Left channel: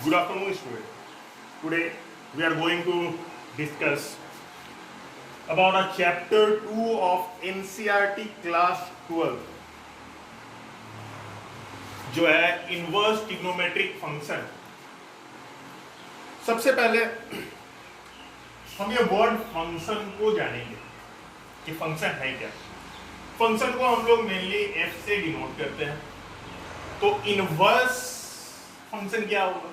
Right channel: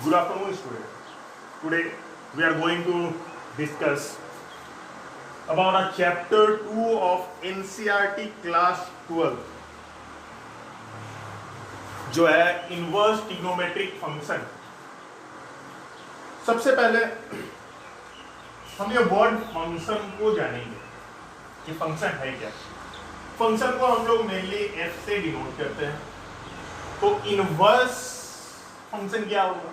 Good afternoon, student. Today we are going to discuss about a chapter 2 of NCERT class 12 जो है inverse trigonometric function. सबसे पहले हम ये वर्ड फंक्शन को जानेंगे कि फंक्शन है क्या। फंक्शन को हम लोग मेनली एफ से डिनोट करते हैं। तो इनवर्स फंक्शन क्या होगा?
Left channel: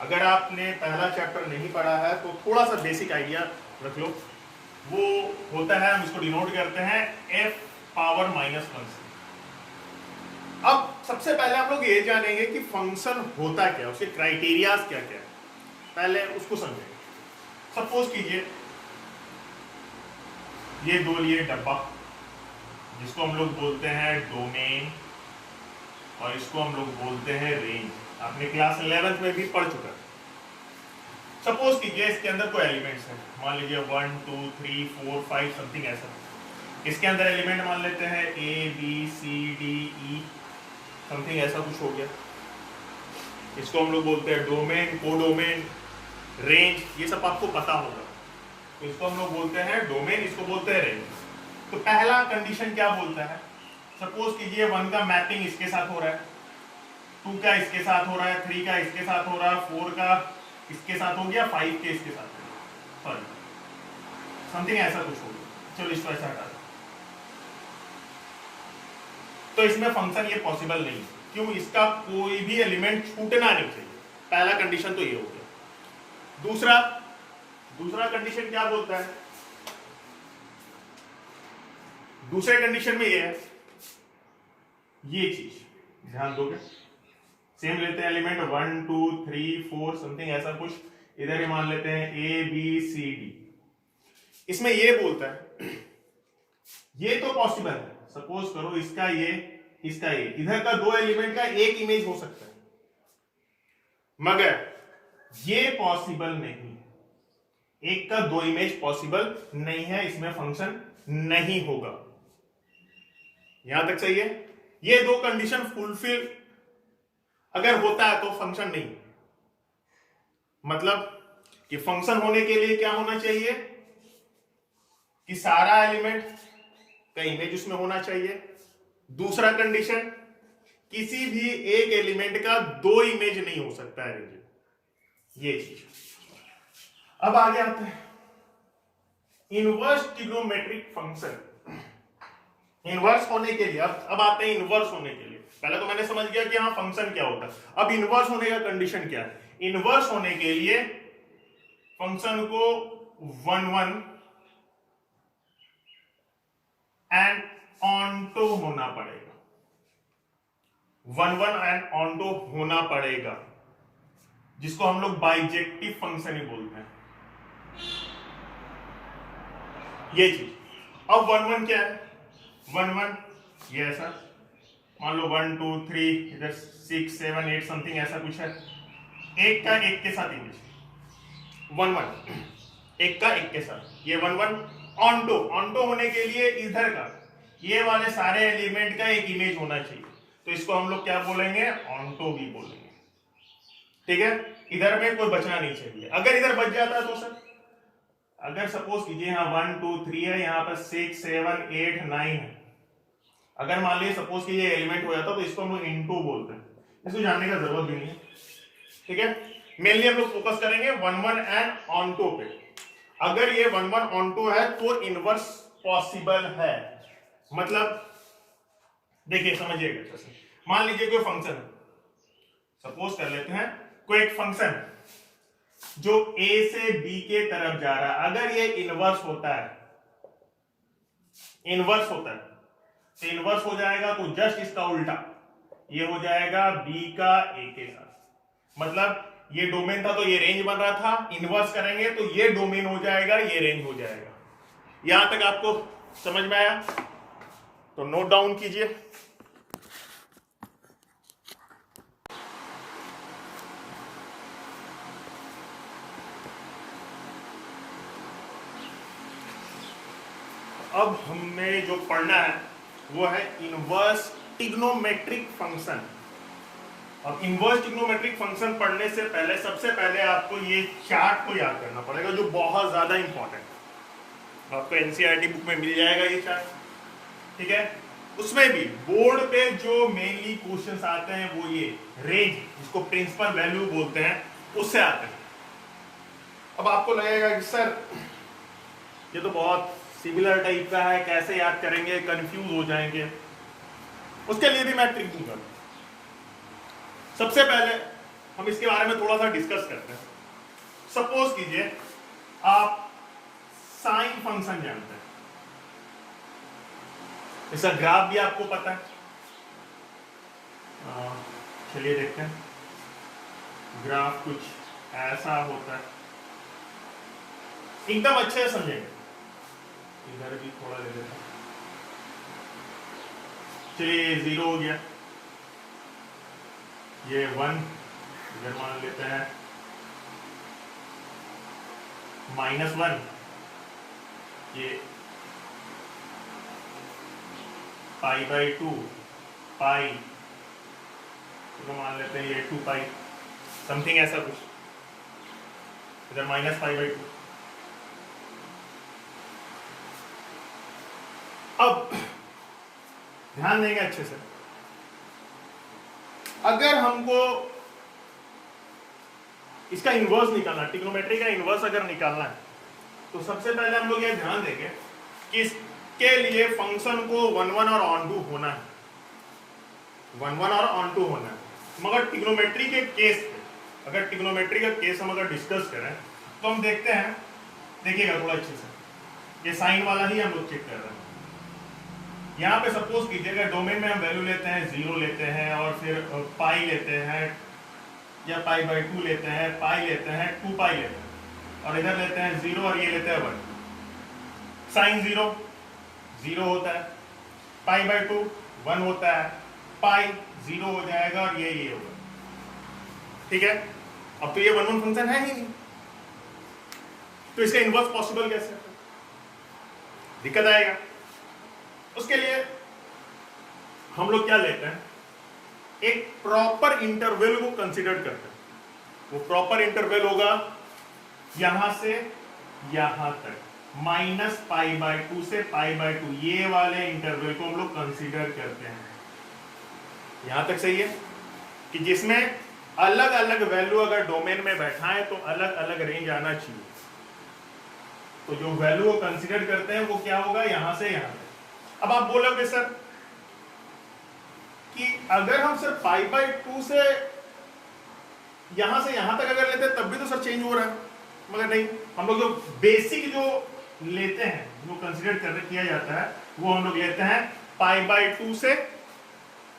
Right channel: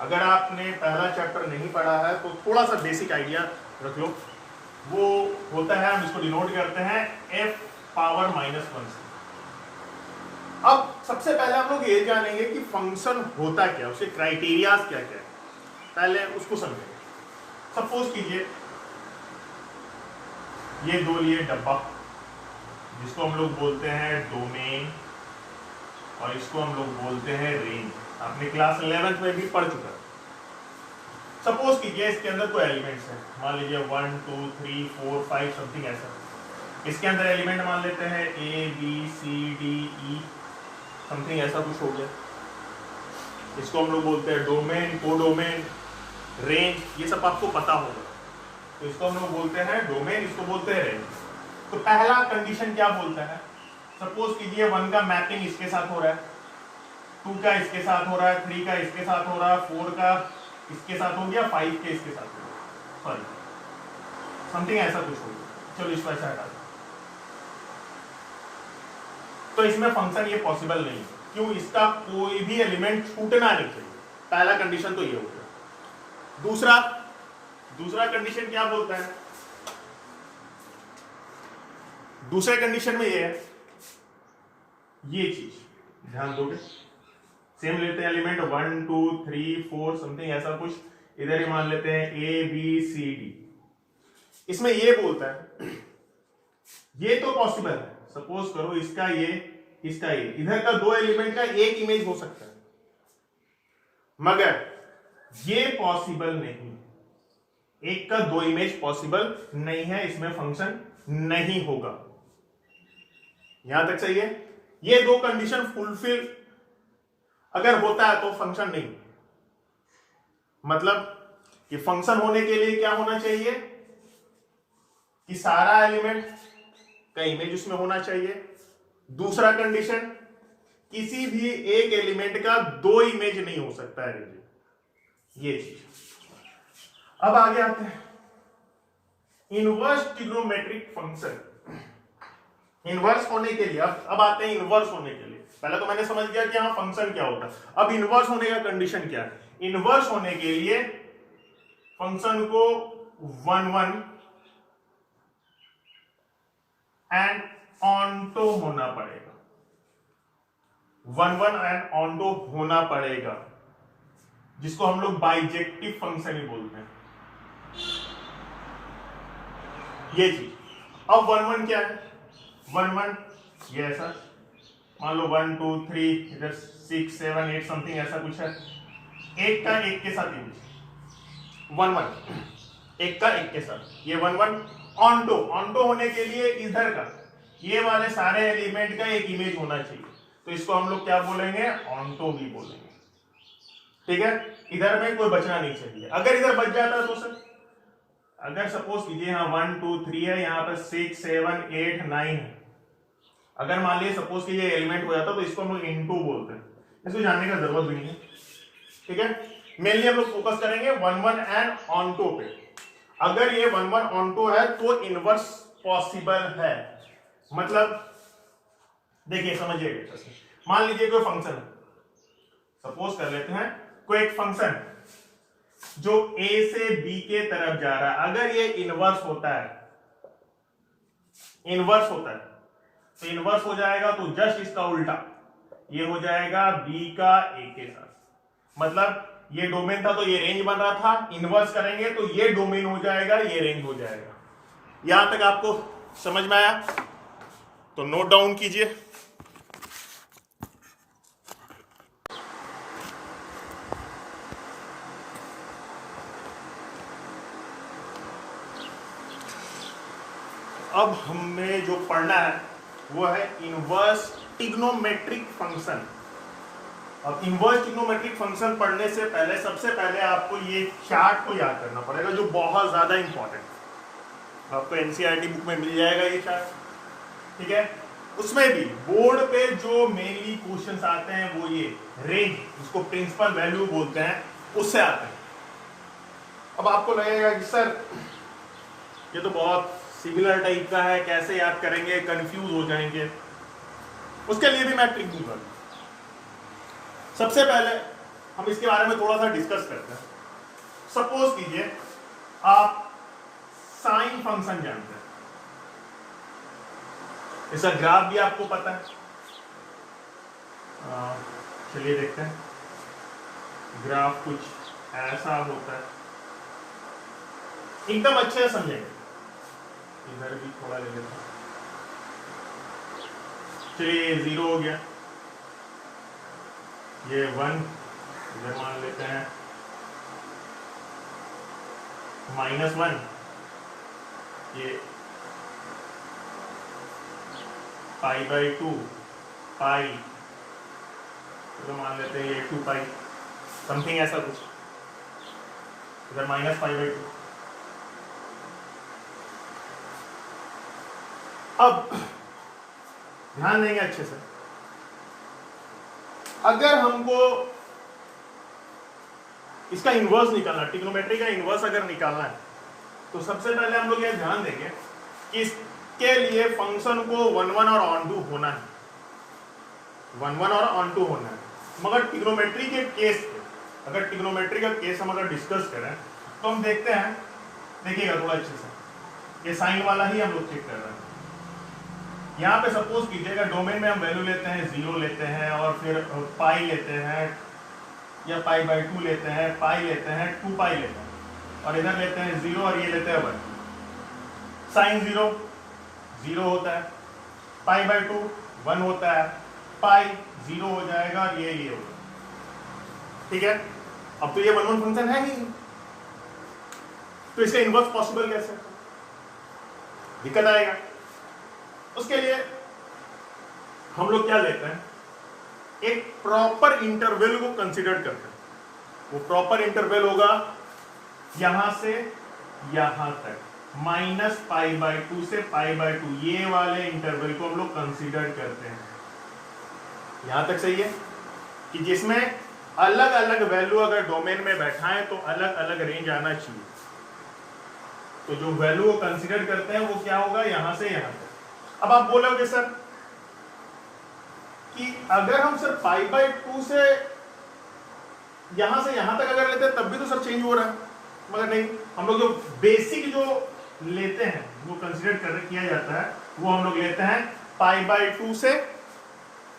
अगर आपने पहला चैप्टर नहीं पढ़ा है तो थोड़ा सा बेसिक आइडिया रख लो। वो होता है, हम इसको डिनोट करते हैं f पावर -1 से। अब सबसे पहले हम लोग ये जानेंगे कि फंक्शन होता क्या, उसके क्राइटेरियाज क्या क्या है, पहले उसको समझेंगे। सपोज कीजिए ये दो लिए डब्बा, जिसको हम लोग बोलते हैं डोमेन और इसको हम लोग बोलते हैं रेंज। आपने क्लास 11th में भी पढ़ चुका। सपोज कीजिए इसके अंदर कोई एलिमेंट्स है, मान लीजिए 1 2 3 4 5 समथिंग ऐसा। इसके अंदर एलिमेंट मान लेते हैं A B C D E something ऐसा कुछ हो गया। इसको हम लोग बोलते हैं डोमेन, कोडोमेन, रेंज, ये सब आपको पता होगा। तो इसको हम लोग बोलते हैं डोमेन, इसको बोलते हैं रेंज। तो पहला कंडीशन क्या बोलता है? सपोज कीजिए 1 का मैपिंग इसके साथ हो रहा है, 2 का इसके साथ हो रहा है, 3 का इसके साथ हो रहा है, 4 का इसके साथ हो गया, 5 के इसके साथ हो गया, सॉरी समथिंग ऐसा कुछ हो गया। चलो इसको ऐसा हटा दो। तो इसमें फंक्शन ये पॉसिबल नहीं है। क्यों? इसका कोई भी एलिमेंट छूटना नहीं चाहिए। पहला कंडीशन तो ये हो गया। दूसरा कंडीशन क्या बोलता है? दूसरे कंडीशन में ये है, ये चीज ध्यान दोगे। सेम लेते हैं एलिमेंट 1 2 3 4 समथिंग ऐसा कुछ, इधर ही मान लेते हैं ए बी सी डी। इसमें ये बोलता है ये तो पॉसिबल है, सपोज करो इसका ये इधर का दो एलिमेंट का एक इमेज हो सकता है, मगर ये पॉसिबल नहीं, एक का दो इमेज पॉसिबल नहीं है, इसमें फंक्शन नहीं होगा। यहां तक सही है? ये दो कंडीशन फुलफिल अगर होता है तो फंक्शन नहीं। मतलब कि फंक्शन होने के लिए क्या होना चाहिए कि सारा एलिमेंट का इमेज उसमें होना चाहिए। दूसरा कंडीशन, किसी भी एक एलिमेंट का दो इमेज नहीं हो सकता है रेंज, ये चीज। अब आगे आते हैं इनवर्स ट्रिग्नोमेट्रिक फंक्शन। इनवर्स होने के लिए अब आते हैं इनवर्स होने के लिए। पहले तो मैंने समझ गया कि हाँ फंक्शन क्या होता है। अब इनवर्स होने का कंडीशन क्या है? इनवर्स होने के लिए फंक्शन को 1 1 एंड ऑनटो होना पड़ेगा। 1 1 एंड ऑनटो होना पड़ेगा, जिसको हम लोग बाइजेक्टिव फंक्शन ही बोलते हैं, ये चीज। अब 1 1 क्या है? 1 1 ये ऐसा, मान लो 1 2 3 इधर 6 7 8 समथिंग ऐसा कुछ है। एक का एक के साथ इमेज 1 1, एक का एक के साथ, ये 1 1 ऑनटो होने के लिए इधर का ये वाले सारे एलिमेंट का एक इमेज होना चाहिए। तो इसको हम लोग क्या बोलेंगे? ऑनटो भी बोलेंगे। ठीक है? इधर में कोई बचना नहीं चाहिए। अगर इधर बच जाता है तो सर, अगर सपोज कीजिए यहाँ 1 2 3 है, यहाँ पर 6 7 8 9 है। अगर मान लीजिए सपोज कि ये एलिमेंट हो जाता तो इसको हम लोग इनटू बोलते हैं। इसको जानने का जरूरत भी नहीं है। ठीक है? मेनली हम लोग फोकस करेंगे 1 1 एंड ऑनटो पे। अगर ये 1 1 ऑनटो है तो इनवर्स पॉसिबल है। मतलब देखिए, समझिएगा। मान लीजिए कोई फंक्शन है, सपोज कर लेते हैं कोई एक फंक्शन जो a से b के तरफ जा रहा है। अगर ये इनवर्स होता है तो इनवर्स हो जाएगा तो जस्ट इसका उल्टा, ये हो जाएगा b का a के साथ। मतलब ये डोमेन था तो ये रेंज बन रहा था, इनवर्स करेंगे तो ये डोमेन हो जाएगा, ये रेंज हो जाएगा। यहां तक आपको समझ में आया? तो नोट डाउन कीजिए। अब हमें जो पढ़ना है वो है इनवर्स ट्रिग्नोमेट्रिक फंक्शन। अब इनवर्स ट्रिग्नोमेट्रिक फंक्शन पढ़ने से पहले सबसे पहले आपको ये चार्ट को याद करना पड़ेगा, जो बहुत ज्यादा इंपॉर्टेंट है। आपको एनसीईआरटी बुक में मिल जाएगा ये चार्ट, ठीक है। उसमें भी बोर्ड पे जो मेनली क्वेश्चंस आते हैं वो ये रेंज, जिसको प्रिंसिपल वैल्यू बोलते हैं, उससे आते हैं। अब आपको लगेगा कि सर ये तो बहुत सिमिलर टाइप का है, कैसे याद करेंगे, कंफ्यूज हो जाएंगे। उसके लिए भी मैं ट्रिक दूंगा। सबसे पहले हम इसके बारे में थोड़ा सा डिस्कस करते हैं। सपोज कीजिए आप साइन फंक्शन जानते हैं, इसका ग्राफ भी आपको पता है। चलिए देखते हैं। ग्राफ कुछ ऐसा होता है, एकदम अच्छे से समझेंगे। इधर भी थोड़ा ले लेता हूं। चलिए 0 हो गया, ये 1 इधर मान लेते हैं, -1 ये π/2 पाई, चलो मान लेते हैं ये 2 पाई समथिंग ऐसा कुछ, इधर -π/2। अब ध्यान देंगे अच्छे से, अगर हमको इसका इनवर्स निकालना, ट्रिग्नोमेट्री का इनवर्स अगर निकालना है, तो सबसे पहले हम लोग ये ध्यान देंगे कि इसके लिए फंक्शन को 1 और ऑन टू होना है, 1 और ऑन टू होना है। मगर ट्रिग्नोमेट्री के केस पे, अगर ट्रिग्नोमेट्री का केस हम अगर डिस्कस करें तो हम देखते हैं, देखिएगा थोड़ा अच्छे से, ये साइन वाला ही हम लोग चेक कर रहे हैं। यहाँ पे सपोज कीजिएगा डोमेन में हम वैल्यू लेते हैं 0 लेते हैं, और फिर पाई लेते हैं, या π/2 लेते हैं, पाई लेते हैं, 2 पाई लेते हैं, और इधर लेते हैं 0 और ये लेते हैं 1। साइन 0 होता है, π/2 1 होता है, पाई 0 हो जाएगा, और ये होगा, ठीक है। अब तो ये 1 फंक्शन है ही नहीं, तो इसका इनवर्स पॉसिबल कैसे, दिक्कत आएगा। उसके लिए हम लोग क्या लेते हैं, एक प्रॉपर इंटरवल को कंसीडर करते हैं। वो प्रॉपर इंटरवल होगा यहां से यहां तक, -π/2 से π/2, ये वाले इंटरवल को हम लोग कंसीडर करते हैं। यहां तक सही है, कि जिसमें अलग अलग वैल्यू अगर डोमेन में बैठाएं तो अलग अलग रेंज आना चाहिए। तो जो वैल्यू को कंसीडर करते हैं वो क्या होगा, यहां से यहां तक। अब आप बोलोगे सर कि अगर हम सिर्फ π/2 से यहां तक अगर लेते हैं तब भी तो सर चेंज हो रहा है, मगर नहीं, हम लोग जो बेसिक जो लेते हैं, वो कंसीडर किया जाता है, वो हम लोग लेते हैं π/2 से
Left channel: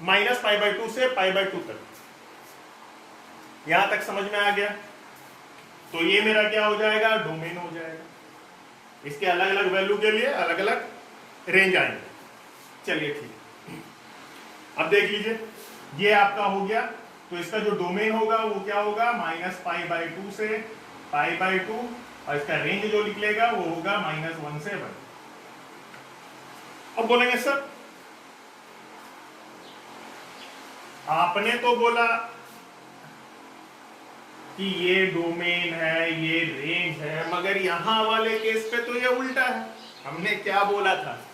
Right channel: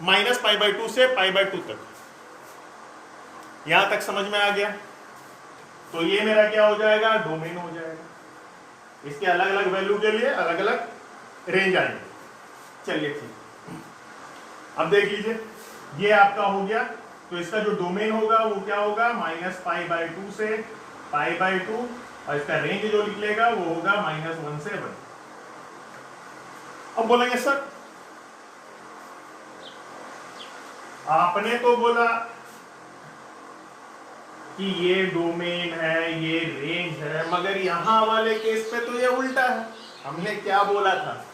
-π/2 से π/2 तक। यहां तक समझ में आ गया? तो ये मेरा क्या हो जाएगा, डोमेन हो जाएगा। इसके अलग अलग वैल्यू के लिए अलग अलग रेंज आएंगे। चलिए ठीक, अब देख लीजिए, ये आपका हो गया। तो इसका जो डोमेन होगा वो क्या होगा, -π/2 से π/2, और इसका रेंज जो निकलेगा वो होगा -1 से 1। अब बोलेंगे सर आपने तो बोला कि ये डोमेन है, ये रेंज है, मगर यहां वाले केस पे तो ये उल्टा है। हमने क्या बोला था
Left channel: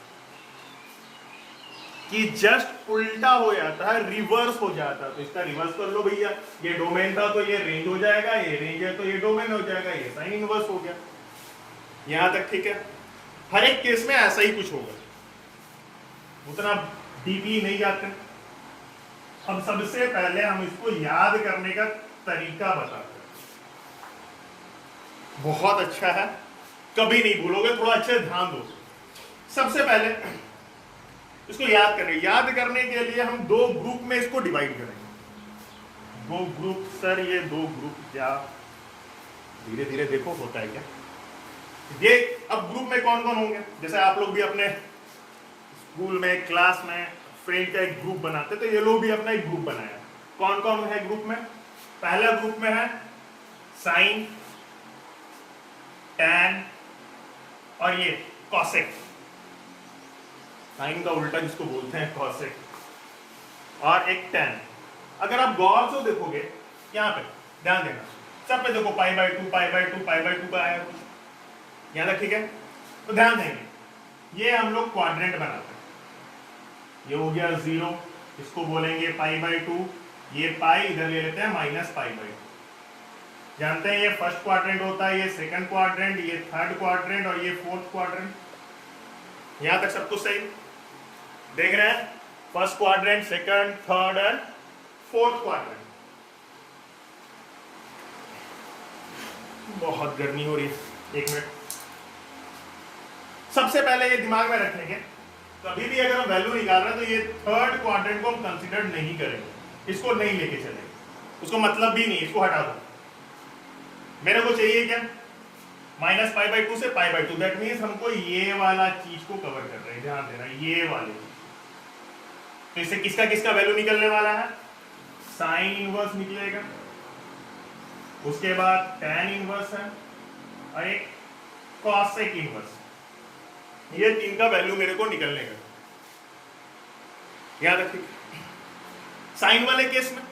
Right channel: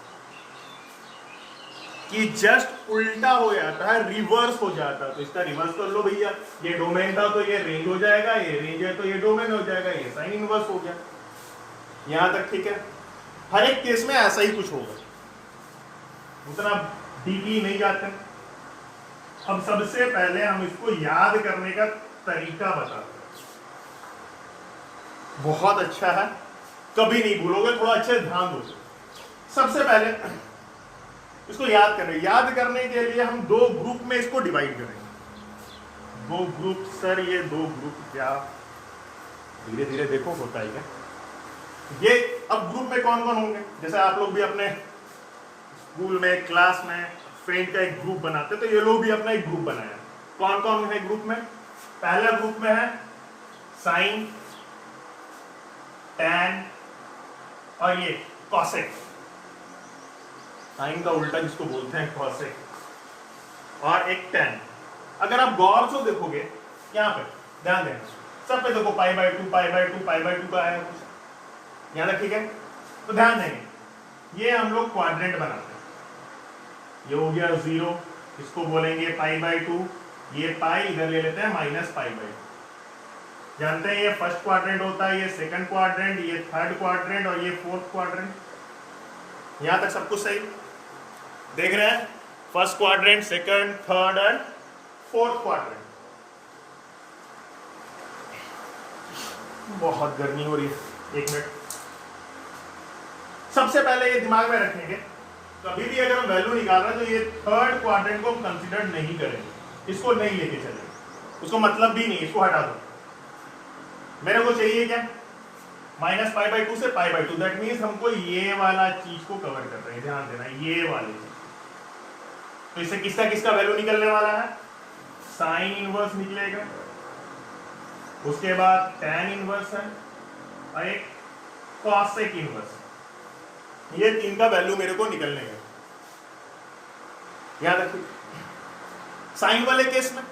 कि जस्ट उल्टा हो जाता है, रिवर्स हो जाता है। तो इसका रिवर्स कर लो भैया, ये डोमेन था तो ये रेंज हो जाएगा, ये रेंज है तो ये डोमेन हो जाएगा, ये साइन इनवर्स हो गया। यहां तक ठीक है। हर एक केस में ऐसा ही कुछ होगा, उतना डीपली नहीं जाते। अब सबसे पहले हम इसको याद करने का तरीका बताते हैं। बहुत अच्छा है, कभी नहीं भूलोगे, थोड़ा अच्छे ध्यान दो। सबसे पहले इसको याद करने के लिए हम 2 ग्रुप में इसको डिवाइड करेंगे। 2 ग्रुप, सर ये 2 ग्रुप क्या, धीरे धीरे देखो होता है क्या। ये अब ग्रुप में कौन कौन होंगे, जैसे आप लोग भी अपने स्कूल में, क्लास में फ्रेंड का एक ग्रुप बनाते, तो ये लोग भी अपना एक ग्रुप बनाया। कौन कौन है ग्रुप में? पहला ग्रुप में है साइन, टैन और ये कॉसेक। साइन का उल्टा जिसको बोलते हैं कॉसेक, और एक टैन। अगर आप गौर से देखोगे यहाँ पे, ध्यान देना, सब पे देखो pi by two pi by two pi by two का आया कुछ, यहाँ तक ठीक है। तो ध्यान देंगे ये हम लोग क्वाड्रेंट बनाते हैं, ये हो गया 0, इसको बोलेंगे पाई बाय टू, ये पाई इधर ले लेते हैं माइनस पाई बाय टू। जानते हैं ये फर्स्ट क्वाड्रेंट होता है, ये सेकंड क्वाड्रेंट, ये थर्ड क्वाड्रेंट और ये फोर्थ क्वाड्रेंट। यहां तक सब कुछ सही देख रहे हैं? First quadrant, second, third and fourth quadrant. बहुत गर्मी हो रही है, एक मिनट। सबसे पहले ये दिमाग में रखेंगे, कभी भी अगर हम वैल्यू निकाल रहे हैं तो ये थर्ड क्वाड्रेंट को हम कंसीडर नहीं करेंगे, इसको नहीं लेके चलेंगे, उसको मतलब भी नहीं, इसको हटा दो। मेरे को चाहिए क्या? माइनस पाई बाई टू से पाई बाई टू, दैट मीन्स हमको ये वाला चीज को कवर कर रहे हैं, ध्यान देना, ये वाले चीज। तो इससे किसका किसका वैल्यू निकलने वाला है? साइन इनवर्स निकलेगा, उसके बाद टैन इनवर्स है और एक कॉसेक इनवर्स। ये तीन का वैल्यू मेरे को निकलने का, याद रखिए। साइन वाले केस में,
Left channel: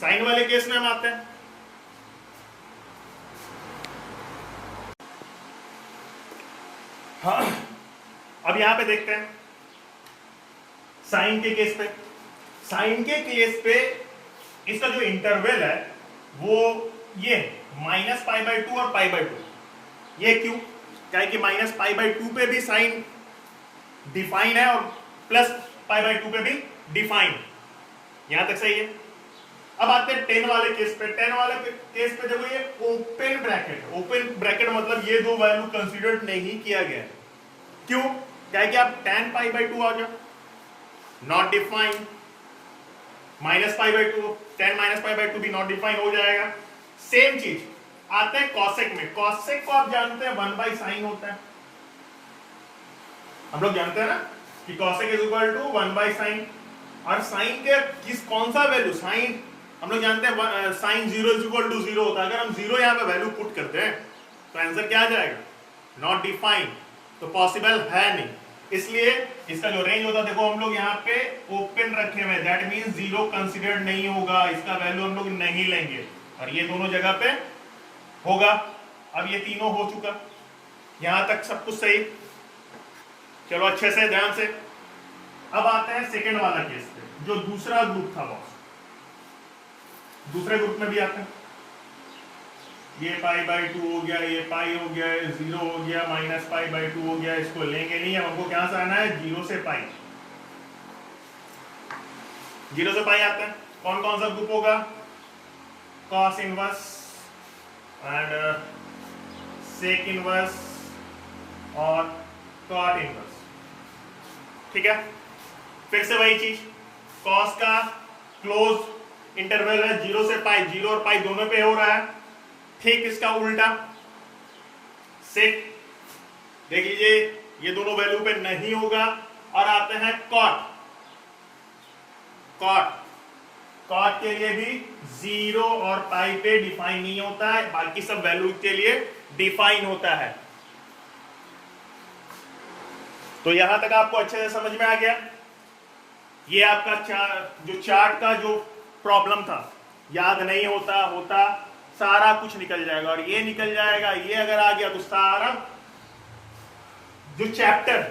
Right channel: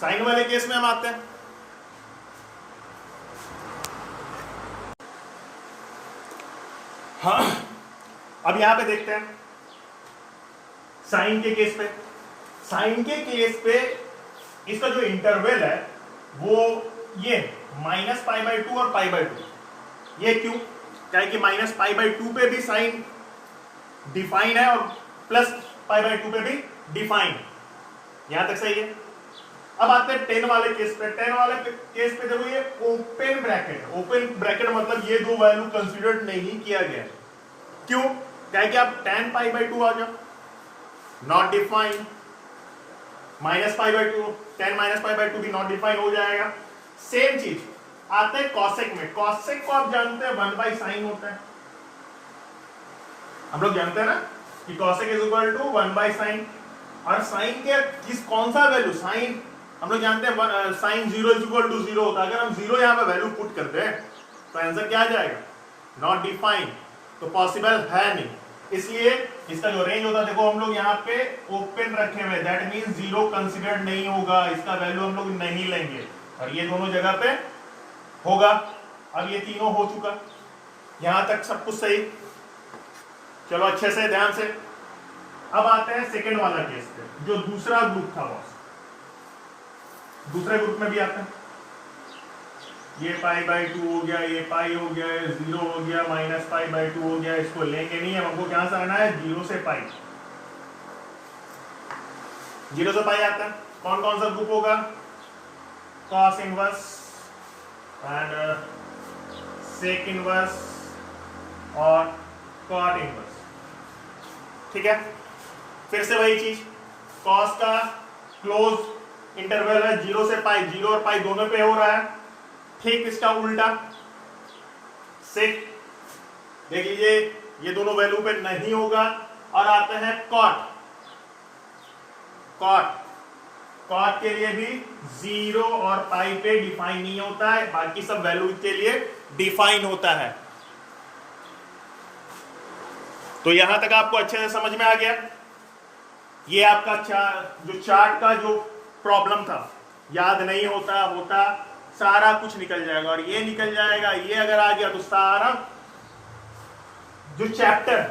साइन वाले केस में हम आते हैं, हाँ अब यहां पे देखते हैं साइन के केस पे। साइन के केस पे इसका जो इंटरवल है वो ये माइनस पाई बाई टू और पाई बाई टू। ये क्यों? क्या है कि माइनस पाई बाई टू पे भी साइन डिफाइन है और प्लस पाई बाई टू पे भी डिफाइन। यहां तक सही है। अब आते हैं 10 वाले केस पे। 10 वाले केस पे देखो ये ओपन ब्रैकेट, ओपन ब्रैकेट मतलब ये दो वैल्यू कंसीडर नहीं किया गया। क्यों? क्या है कि आप tan पाई बाई टू आ जाओ, not define, minus pi by to, tan minus pi by to भी नॉट डिफाइन हो जाएगा। सेम चीज आते हैं कॉसेक में। कॉसेक को आप जानते हैं 1 बाई साइन होता है, हम लोग जानते हैं ना कि cosec is equal to 1 by sine. और साइन के किस कौन सा वैल्यू? साइन हम लोग जानते हैं साइन 0 इज इक्वल टू 0 होता है। अगर हम 0 यहां पे वैल्यू पुट करते हैं तो आंसर क्या आ जाएगा? नॉट डिफाइन, तो पॉसिबल है नहीं। इसलिए इसका जो रेंज होता है, देखो हम लोग यहाँ पे ओपन रखे हुए, दैट मींस 0 कंसीडर्ड नहीं होगा, इसका वैल्यू हम लोग नहीं लेंगे, और ये दोनों जगह पे होगा। अब ये तीनों हो चुका, यहां तक सब कुछ सही। चलो अच्छे से ध्यान से। अब आते हैं सेकंड वाला केस पे, जो दूसरा ग्रुप था बॉस। दूसरे ग्रुप में भी आते हैं, ये पाई बाई टू हो गया, ये पाई हो गया, 0 हो गया, माइनस पाई बाई टू हो गया, इसको लेंगे नहीं। हमको क्या से आना है? 0 से पाई। 0 से पाई आता है। कौन कौन सा ग्रुप होगा? Cos inverse and sec inverse और कॉट इनवर्स। ठीक है, फिर से वही चीज, कॉस का क्लोज इंटरवल है 0 से पाई, 0 और पाई दोनों पे हो रहा है। ठीक इसका उल्टा सेक, देख लीजिए ये दोनों वैल्यू पे नहीं होगा। और आते हैं कॉट। कॉट कॉट के लिए भी 0 और पाई पे डिफाइन नहीं होता है, बाकी सब वैल्यू के लिए डिफाइन होता है। तो यहां तक आपको अच्छे से समझ में आ गया। ये आपका जो चार्ट का जो प्रॉब्लम था, याद नहीं होता सारा कुछ निकल जाएगा, और ये निकल जाएगा। ये अगर आ गया तो सारा जो चैप्टर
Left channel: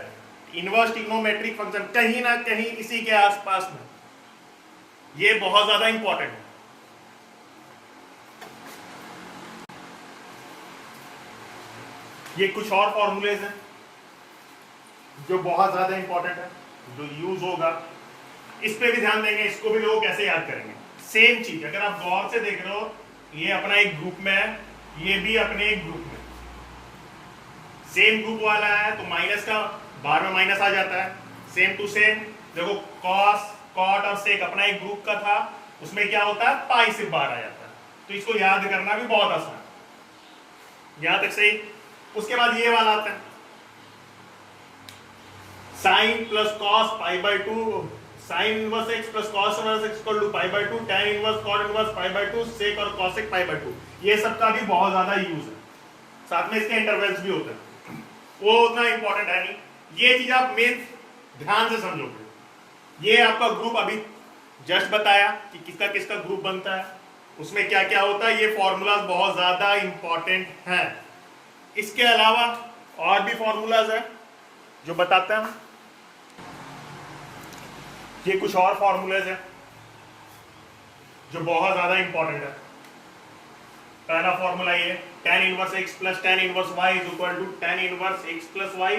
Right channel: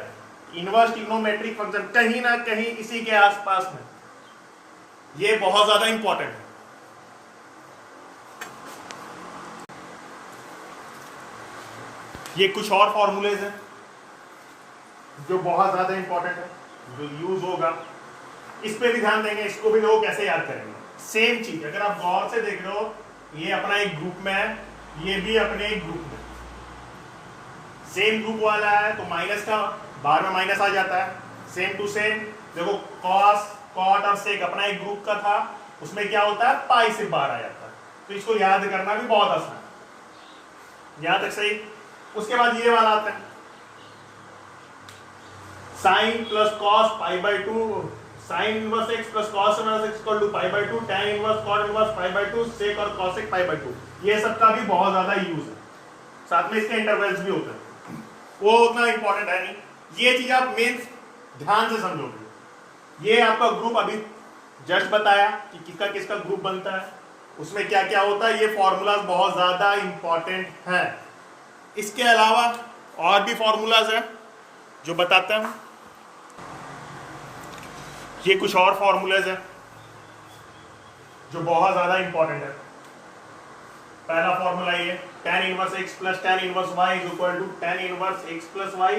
इनवर्स ट्रिग्नोमेट्रिक फंक्शन कहीं ना कहीं इसी के आसपास में, ये बहुत ज्यादा इंपॉर्टेंट है। ये कुछ और फॉर्मूलेज हैं जो बहुत ज्यादा इंपॉर्टेंट है, जो यूज होगा, इस पे भी ध्यान देंगे। इसको भी लोग कैसे याद करेंगे? सेम चीज, अगर आप गौर से देख रहे हो, ये अपना एक ग्रुप में है, ये भी अपने एक ग्रुप में, सेम ग्रुप वाला है, तो माइनस का बाहर में माइनस आ जाता है। सेम टू सेम देखो, कॉस कॉट और सेक अपना एक ग्रुप का था, उसमें क्या होता है? पाई सिर्फ बाहर आ जाता है। तो इसको याद करना भी बहुत आसान है। यहां तक सही। उसके बाद ये वाला आता है, sine plus cos pi by two, sine inverse x plus cos inverse x equal to pi by two, tan inverse cot inverse pi by two, sec और कॉसेक पाई बाई टू। ये सब का भी बहुत ज्यादा यूज है, साथ में इसके इंटरवल्स भी होते हैं, वो उतना इंपॉर्टेंट है नहीं। ये चीज आप मेन ध्यान से समझोगे। ये आपका ग्रुप अभी जस्ट बताया कि किसका किसका ग्रुप बनता है, उसमें क्या क्या होता है, ये फॉर्मूलाज बहुत ज्यादा इंपॉर्टेंट है। इसके अलावा और भी फॉर्मूलाज हैं जो बताते हैं, ये कुछ और फॉर्मूलाज हैं जो बहुत ज्यादा इंपॉर्टेंट है। पहला फॉर्मूला ये tan inverse x plus tan inverse y is equal to tan inverse x plus y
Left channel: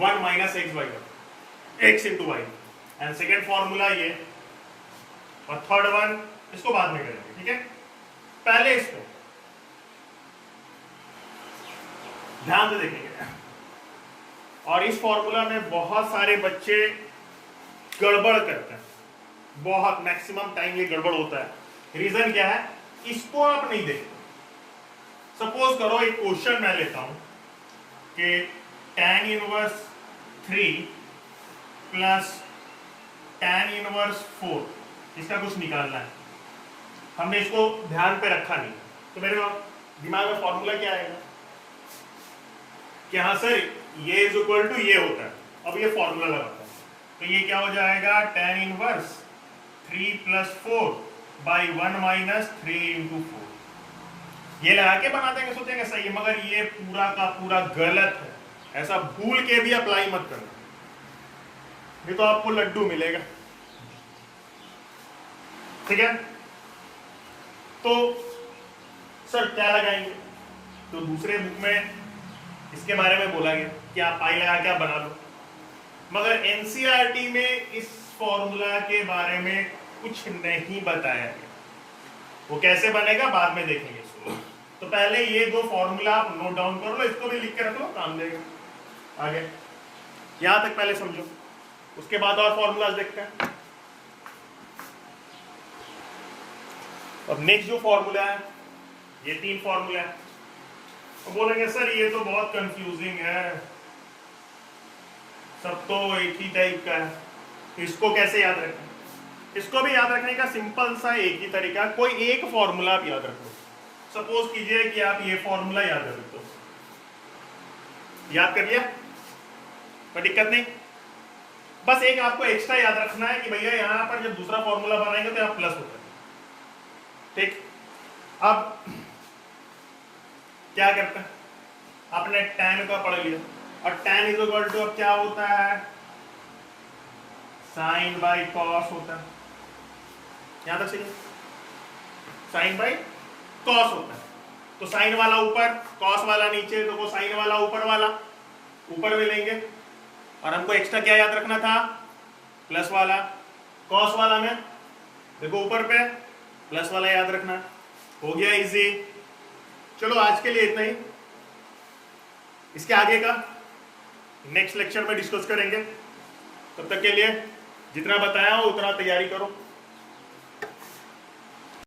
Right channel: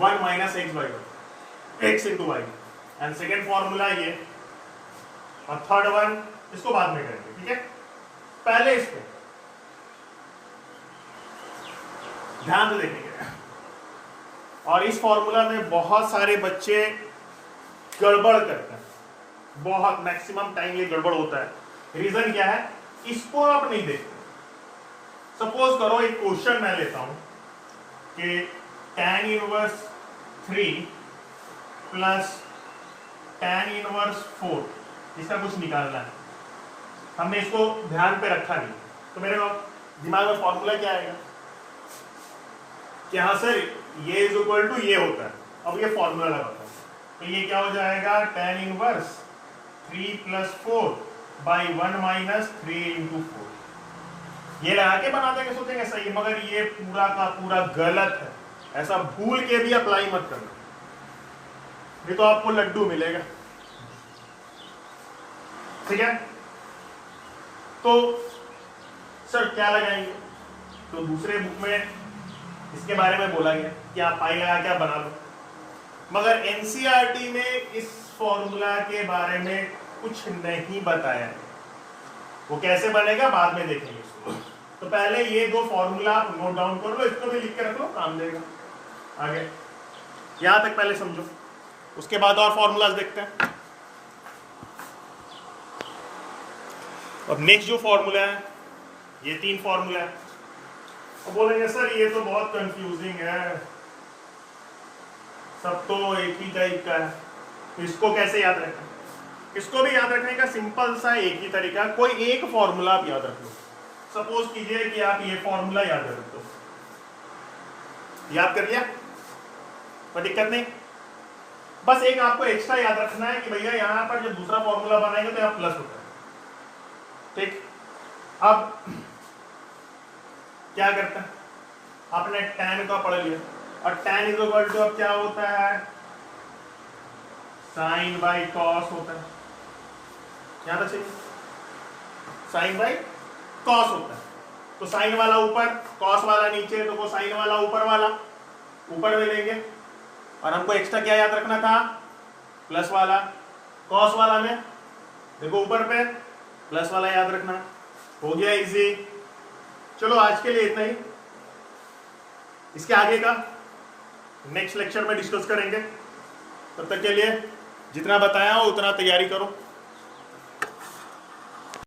1 minus x by 1 x into y. And second formula ये, और थर्ड वन इसको बाद में करेंगे, ठीक है। पहले इसको ध्यान से देखेंगे। और इस फॉर्मूला में बहुत सारे बच्चे गड़बड़ करते हैं, बहुत मैक्सिमम टाइम ये गड़बड़ होता है। रीजन क्या है, इसको आप नहीं देखते। सपोज करो एक क्वेश्चन मैं लेता हूं कि tan inverse 3 plus tan inverse 4, इसका कुछ निकालना है। हमने इसको ध्यान पे रखा नहीं, तो मेरे दिमाग में फॉर्मूला क्या आएगा कि हाँ सर ये इज इक्वल टू ये होता है। अब ये फॉर्मूला लगाता है तो ये क्या हो जाएगा, tan inverse 3 plus 4 by 1 minus 3 into 4। ये लगा के बना देंगे, सोचेंगे सही है, मगर ये पूरा का पूरा गलत है। ऐसा भूल के भी अप्लाई मत करना, नहीं तो आपको लड्डू मिलेगा, ठीक है। तो सर क्या लगाएंगे, तो दूसरे बुक में इसके बारे में बोला गया कि आप पाई लगा के आप बना लो, मगर एनसीईआरटी में इस फॉर्मूला के बारे में कुछ नहीं बताया गया। वो कैसे बनेगा बाद में देखेंगे इसको। तो पहले ये दो फॉर्मूला आप नोट डाउन कर लो, इसको भी लिख के रख लो, काम देगा आगे। यहां तक पहले समझो, उसके बाद और फॉर्मूलाज देखते हैं। अब नेक्स्ट जो फॉर्मूला है, ये 3 फॉर्मूला है। अब बोलेंगे सर ये तो बहुत कंफ्यूजिंग है, सब तो एक ही टाइप का है, तो इसको कैसे याद रखें। इसको भी याद रखने का सिंपल सा एक ही तरीका, कोई एक फॉर्मूला आप याद रख लो। सपोज कीजिए कि आप ये फॉर्मूला याद रख दो, याद कर लिया, कोई दिक्कत नहीं। बस एक आपको एक्स्ट्रा याद रखना है कि भैया यहां पर जब दूसरा फॉर्मूला बनाएंगे तो यहाँ प्लस होता है, ठीक। अब क्या करते हैं, आपने tan का पढ़ लिया, और tan इज इक्वल टू अब क्या होता है, साइन बाई कॉस होता है। यहां तक चलिए, साइन बाई कॉस होता है। तो साइन वाला ऊपर, कॉस वाला नीचे, तो वो साइन वाला ऊपर वाला ऊपर में लेंगे, और हमको एक्स्ट्रा क्या याद रखना था, प्लस वाला। कॉस वाला में देखो ऊपर पे प्लस वाला याद रखना, हो गया इजी। चलो आज के लिए इतना ही, इसके आगे का नेक्स्ट लेक्चर में डिस्कस करेंगे। तब तक के लिए जितना बताया हो उतना तैयारी करो।